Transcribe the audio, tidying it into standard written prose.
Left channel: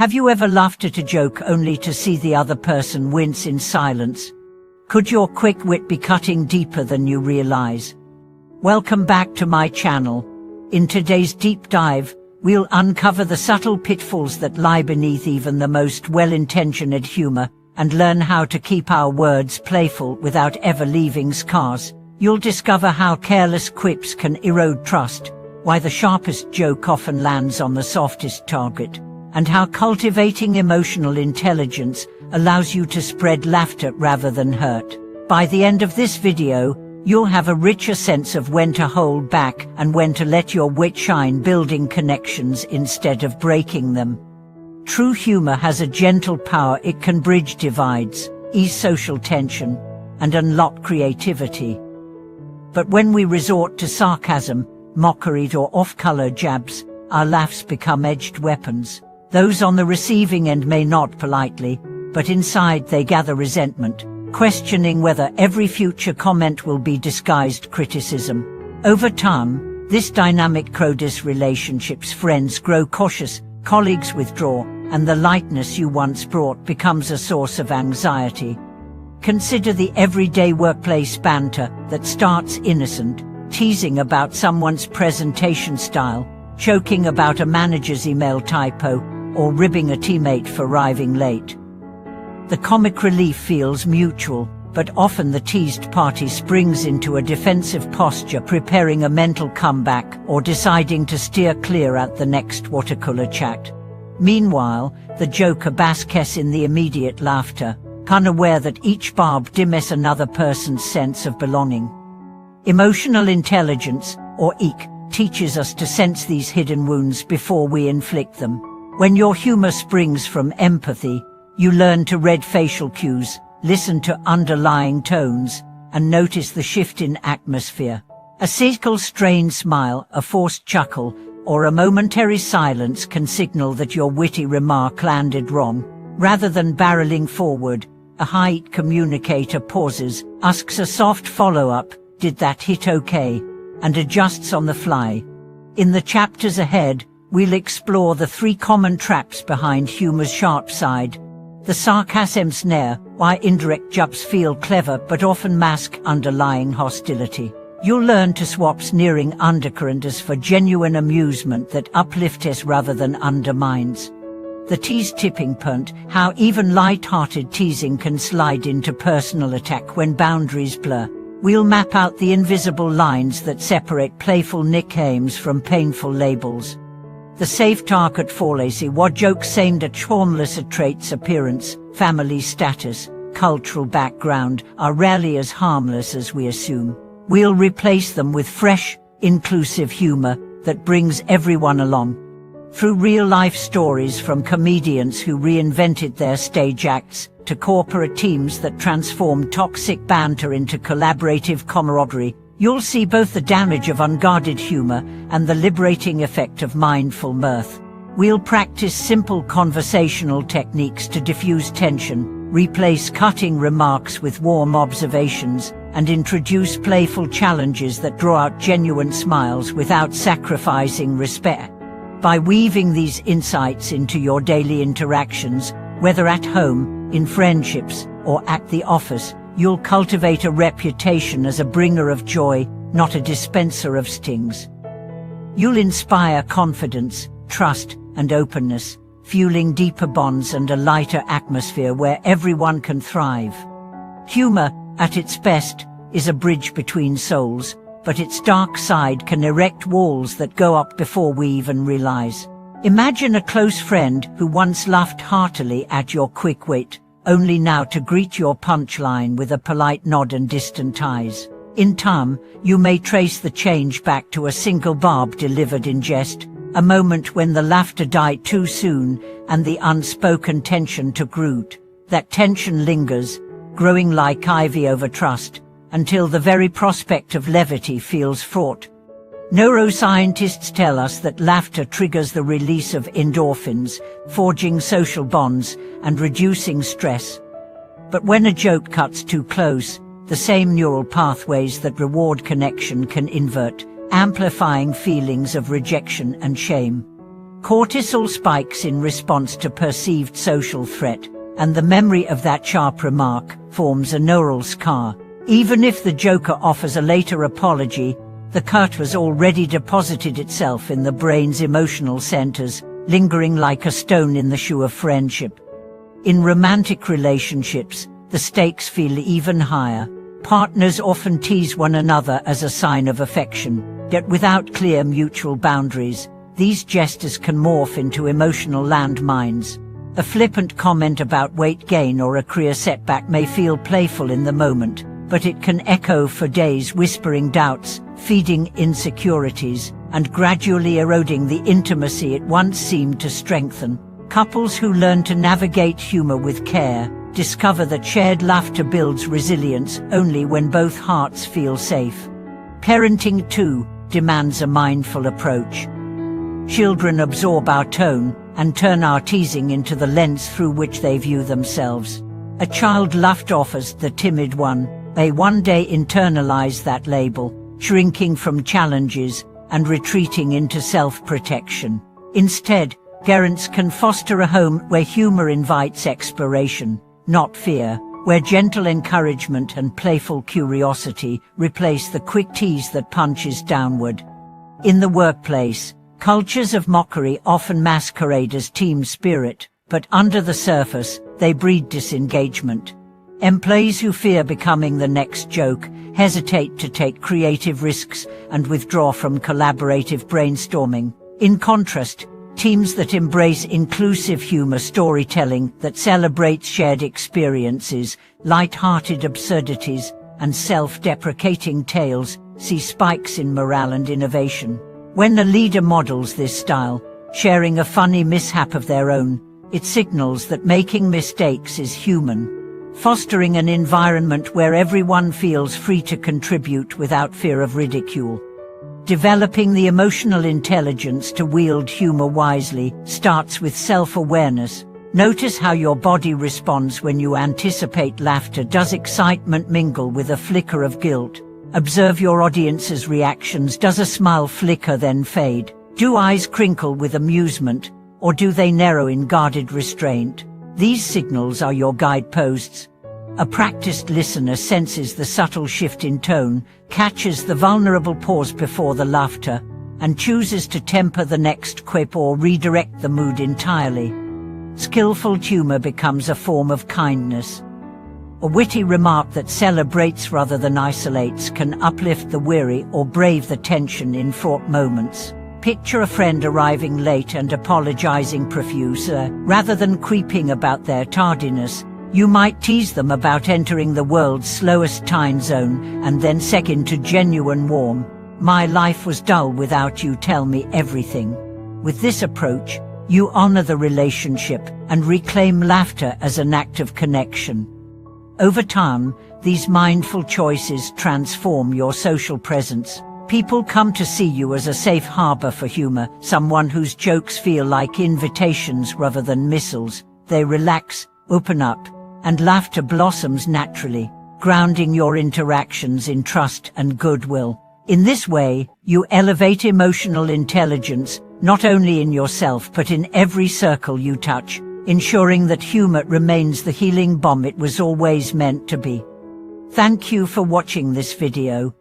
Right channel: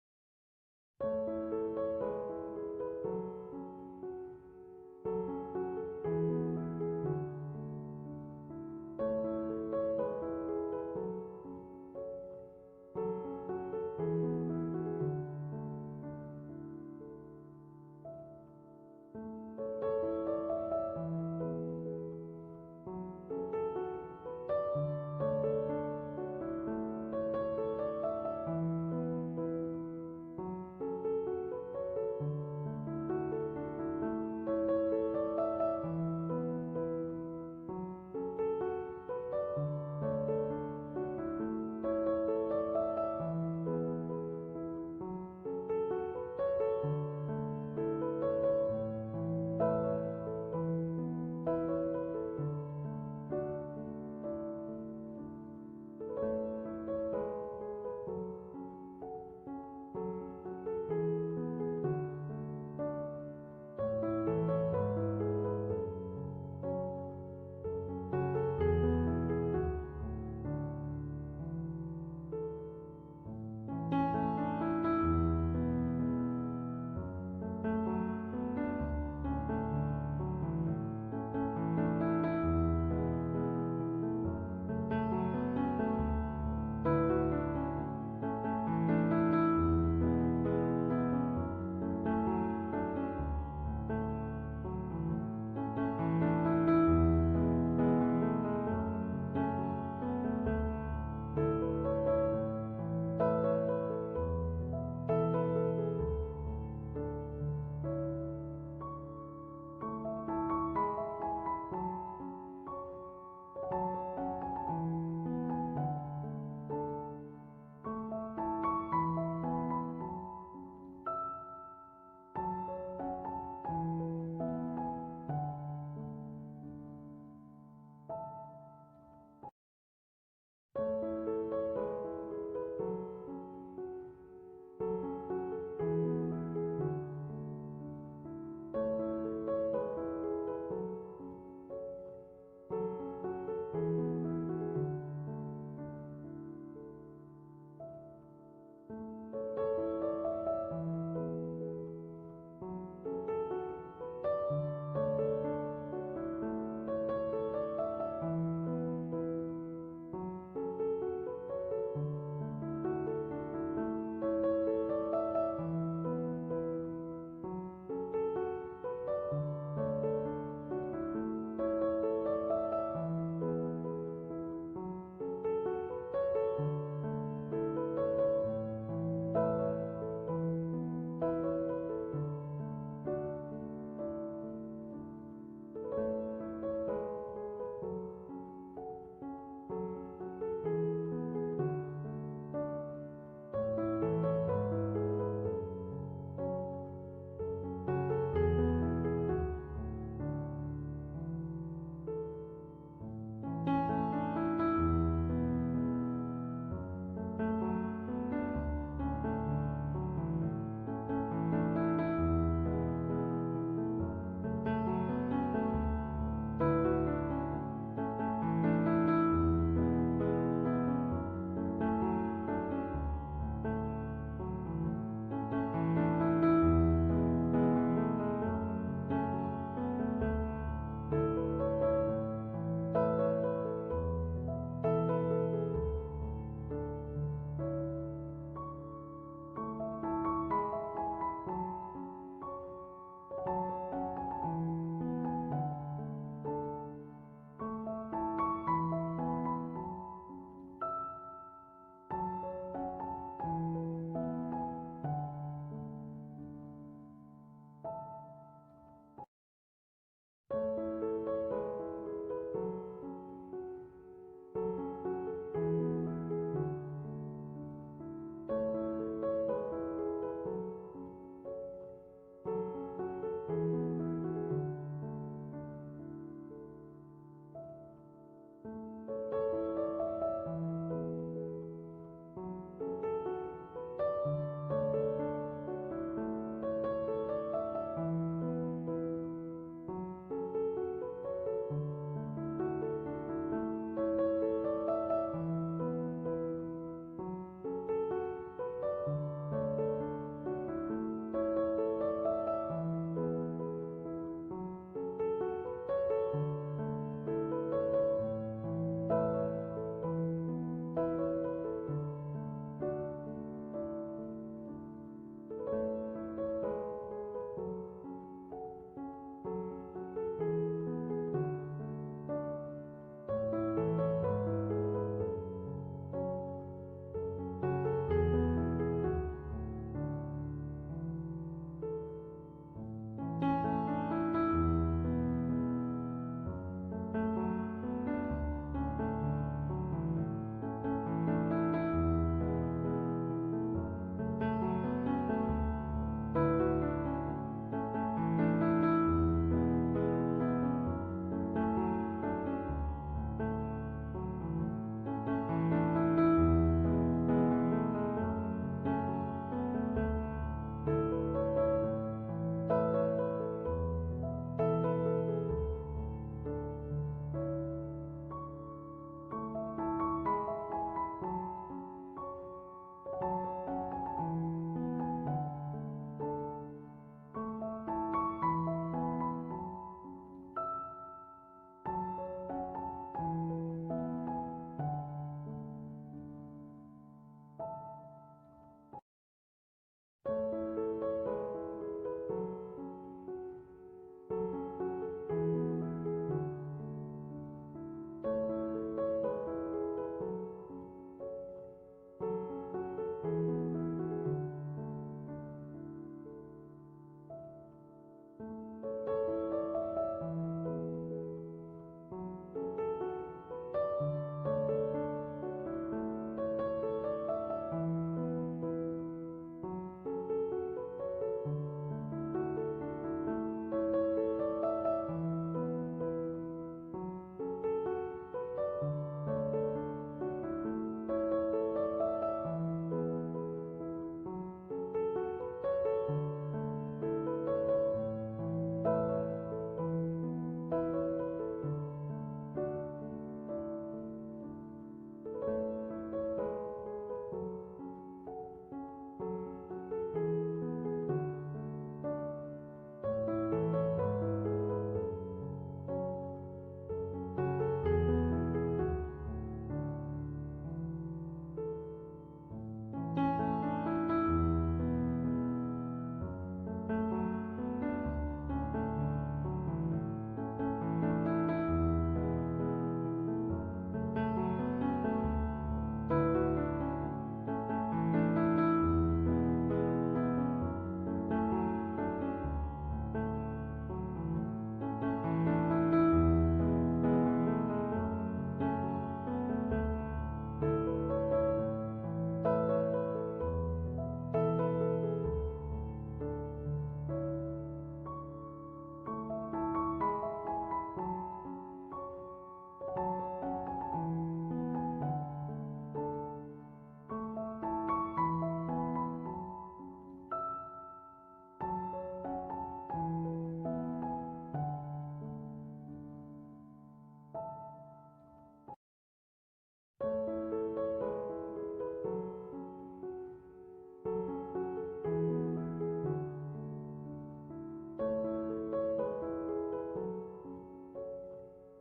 Have you ever laughed at a joke only to see the other person wince in silence? Could your quick wit be cutting deeper than you realize? Welcome back to my channel. In today's deep dive, we'll uncover the subtle pitfalls that lie beneath even the most well-intentioned humor, and learn how to keep our words playful without ever leaving scars. You'll discover how careless quips can erode trust, why the sharpest joke often lands on the softest target, and how cultivating emotional intelligence allows you to spread laughter rather than hurt. By the end of this video, you'll have a richer sense of when to hold back and when to let your wit shine, building connections instead of breaking them. True humor has a gentle power. It can bridge divides, ease social tension, and unlock creativity. But when we resort to sarcasm, mockery, or off-color jabs, our laughs become edged weapons. Those on the receiving end may nod politely, but inside they gather resentment, questioning whether every future comment will be disguised criticism. Over time, this dynamic crowds relationships. Friends grow cautious, colleagues withdraw, and the lightness you once brought becomes a source of anxiety. Consider the everyday workplace banter that starts innocent, teasing about someone's presentation style, joking about a manager's email typo, or ribbing a teammate for arriving late. The comic relief feels mutual, but often the teased party springs into a defensive posture, preparing a mental comeback or deciding to steer clear at the next watercooler chat. Meanwhile, the joker basks in the immediate laughter, unaware that each barb dims another person's sense of belonging. Emotional intelligence, or EQ, teaches us to sense these hidden wounds before we inflict them. When your humor springs from empathy, you learn to read facial cues, listen to underlying tones, and notice the shift in atmosphere. A single strained smile, a forced chuckle, or a momentary silence can signal that your witty remark landed wrong. Rather than barreling forward, a high communicator pauses, asks a soft follow-up, "Did that hit okay?" and adjusts on the fly. In the chapters ahead, we'll explore the 3 common traps behind humor's sharp side. The sarcasm snare, why indirect jabs feel clever but often mask underlying hostility. You'll learn to swap sneering undercurrents for genuine amusement that uplifts rather than undermines. The tease tipping point, how even light-hearted teasing can slide into personal attack when boundaries blur. We'll map out the invisible lines that separate playful nicknames from painful labels. The safe target fallacy, what jokes aimed at harmless traits, appearance, family status, cultural background, are rarely as harmless as we assume. We'll replace them with fresh, inclusive humor that brings everyone along. Through real-life stories from comedians who reinvented their stage acts, to corporate teams that transformed toxic banter into collaborative camaraderie, you'll see both the damage of unguarded humor and the liberating effect of mindful mirth. We'll practice simple conversational techniques to diffuse tension, replace cutting remarks with warm observations, and introduce playful challenges that draw out genuine smiles without sacrificing respect. By weaving these insights into your daily interactions, whether at home, in friendships, or at the office, you'll cultivate a reputation as a bringer of joy, not a dispenser of stings. You'll inspire confidence, trust, and openness, fueling deeper bonds and a lighter atmosphere where everyone can thrive. Humor, at its best, is a bridge between souls, but its dark side can erect walls that go up before we even realize. Imagine a close friend who once laughed heartily at your quick wit, only now to greet your punchline with a polite nod and distant eyes. In time, you may trace the change back to a single barb delivered in jest, a moment when the laughter died too soon and the unspoken tension took root. That tension lingers, growing like ivy over trust, until the very prospect of levity feels fraught. Neuroscientists tell us that laughter triggers the release of endorphins, forging social bonds and reducing stress. But when a joke cuts too close, the same neural pathways that reward connection can invert, amplifying feelings of rejection and shame. Cortisol spikes in response to perceived social threat, and the memory of that sharp remark forms a neural scar. Even if the joker offers a later apology, the cut has already deposited itself in the brain's emotional centers, lingering like a stone in the shoe of friendship. In romantic relationships, the stakes feel even higher. Partners often tease one another as a sign of affection, yet without clear mutual boundaries, these gestures can morph into emotional landmines. A flippant comment about weight gain or a career setback may feel playful in the moment, but it can echo for days, whispering doubts, feeding insecurities, and gradually eroding the intimacy it once seemed to strengthen. Couples who learn to navigate humor with care discover that shared laughter builds resilience only when both hearts feel safe. Parenting, too, demands a mindful approach. Children absorb our tone and turn our teasing into the lens through which they view themselves. A child laughed off as the timid one may one day internalize that label, shrinking from challenges and retreating into self-protection. Instead, parents can foster a home where humor invites exploration, not fear, where gentle encouragement and playful curiosity replace the quick tease that punches downward. In the workplace, cultures of mockery often masquerade as team spirit, but under the surface, they breed disengagement. Employees who fear becoming the next joke hesitate to take creative risks and withdraw from collaborative brainstorming. In contrast, teams that embrace inclusive humor storytelling that celebrates shared experiences, light-hearted absurdities, and self-deprecating tales see spikes in morale and innovation. When a leader models this style, sharing a funny mishap of their own, it signals that making mistakes is human, fostering an environment where everyone feels free to contribute without fear of ridicule. Developing the emotional intelligence to wield humor wisely starts with self-awareness. Notice how your body responds when you anticipate laughter. Does excitement mingle with a flicker of guilt? Observe your audience's reactions. Does a smile flicker then fade? Do eyes crinkle with amusement, or do they narrow in guarded restraint? These signals are your guideposts. A practiced listener senses the subtle shift in tone, catches the vulnerable pause before the laughter, and chooses to temper the next quip or redirect the mood entirely. Skillful humor becomes a form of kindness. A witty remark that celebrates rather than isolates can uplift the weary or brave the tension in fraught moments. Picture a friend arriving late and apologizing profusely. Rather than quipping about their tardiness, you might tease them about entering the world's slowest time zone and then seg into genuine warmth. My life was dull without you, tell me everything. With this approach, you honor the relationship and reclaim laughter as an act of connection. Over time, these mindful choices transform your social presence. People come to see you as a safe harbor for humor, someone whose jokes feel like invitations rather than missiles. They relax, open up, and laughter blossoms naturally, grounding your interactions in trust and goodwill. In this way, you elevate emotional intelligence, not only in yourself but in every circle you touch, ensuring that humor remains the healing balm it was always meant to be. Thank you for watching this video.